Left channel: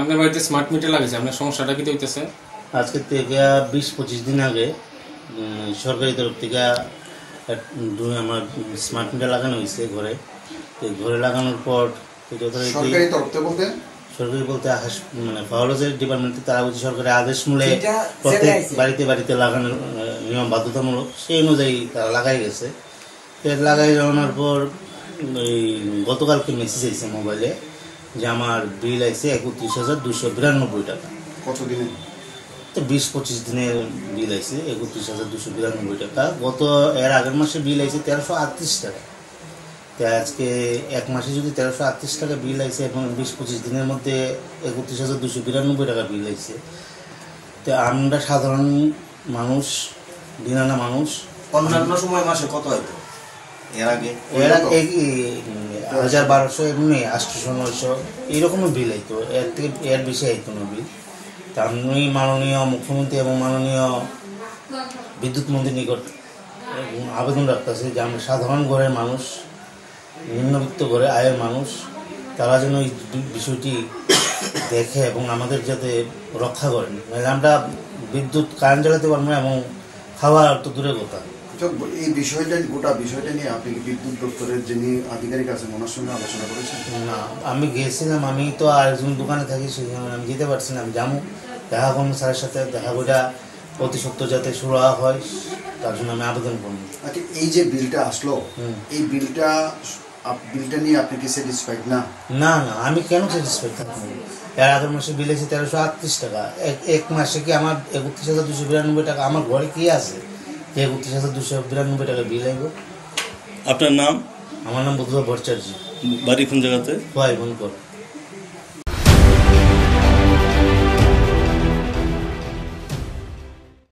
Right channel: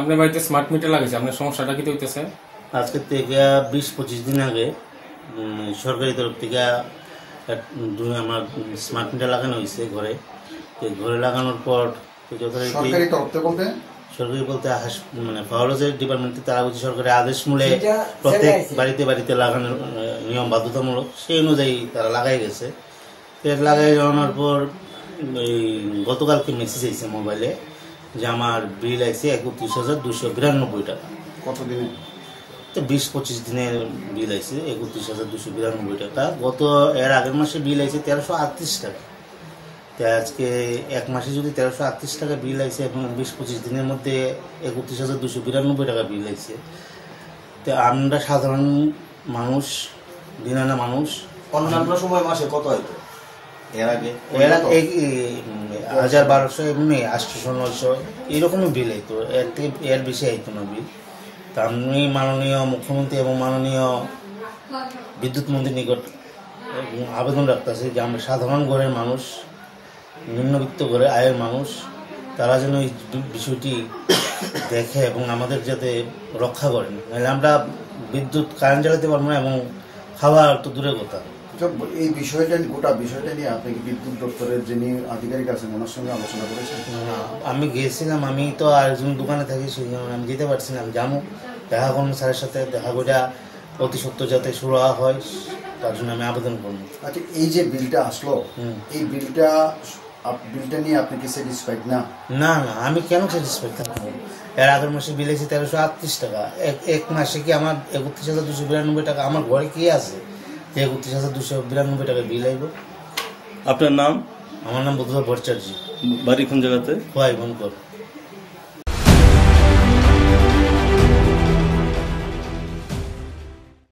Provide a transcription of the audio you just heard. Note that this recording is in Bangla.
আপনার বাড়িতে স্মার্ট মিটার লাগেছে, আপনার সমস্যাটা কি হইতেছে? আজকে থেকে 20-25 দিন আগে সরকারি তরফ থেকে আমার স্মার্ট মিটার লাগানো হয়েছে ঘরে। ঘরে লাগানোর পর সরকারি তরফ থেকে বলতে মানে ফাওয়ারজের ডিপার্টমেন্টে তারা বলছে সরকারি আদেশ মূলে প্রত্যেক বাড়িতে বাড়িতে লাগানোর নিয়ম বাধ্যতামূলক, সেই অনুযায়ী তারা লাগাই গেছে। লাগাই যাওয়ার পর গতকালকে মেসেজ আইছে মোবাইলে যে আমার বিল আইছে 31,292 টাকা। কতদিনে? তো 20-25 দিনের বিল আইছে 31,292 টাকা। এর আগের মাসে বিল আইছে 1338 টাকা। আজকে এক মাসে যদি 1338 টাকা বিল আইছে এবং 20-25 দিনের মধ্যে 31,292 টাকা বিল আইছে, তো আমরা সাধারণ মানুষ, দিনানা মানুষ, অন্যান্য সময় মাসে কত হইতো? এর আগে 1,200 এমনি 800-900 এইরকমও বিল হইতো, এর বেশি হইতো না বিল। তা আমি মাননীয় মুখ্যমন্ত্রী এবং মাননীয় বিদ্যুৎ মন্ত্রীর নিকট আবেদন রাখতেছি যে আমরা সাধারণ ঘরের মানুষ, নিম্নবিত্ত ঘরে আয়ের মানুষ, তারা যেন এই বিষয়টি দেখে এবং আমাদের যাতে রক্ষা করেন। আমরা বিদ্যুৎ কারেন্ট জ্বালাতে পারবো না এবং খাওয়া তো দূরের কথা। এই বিষয়টা, গোটা বিষয়টা নিয়ে আপনি কি বিদ্যুৎ দপ্তরের যিনি আধিকারিক আছেন ওনার সঙ্গে আলোচনা করেছেন? না, আমি গিয়েছিলাম, আমি তো আরেকজন দোকানে থাকি, সেখানে আমি যেতে পারছি না। আমি যাবো, দেখা করবো স্যারের সাথে, দেখা করে অতি সত্ত্বর যাতে শুরু হয় তার জন্য আমি আবেদন করবো। আচ্ছা, এই যে বিলটা আসলো, এই বিলটা নিয়ে আপনি কি স্যাটিসফাইড না? না না, আমি কেন স্যাটিসফাইড থাকবো? এর আগের মাসে বিল এসে 1338 টাকা। এক মাসে কি আমার 31,292 টাকা আমার ঘরে কি আছে যে 31,292 টাকা বিল আইব? আপনার নাম? আমার নাম বুদ্ধ ভট্টাচার্য। বাড়ি কোন জায়গাতে? ভাই বন্ধু।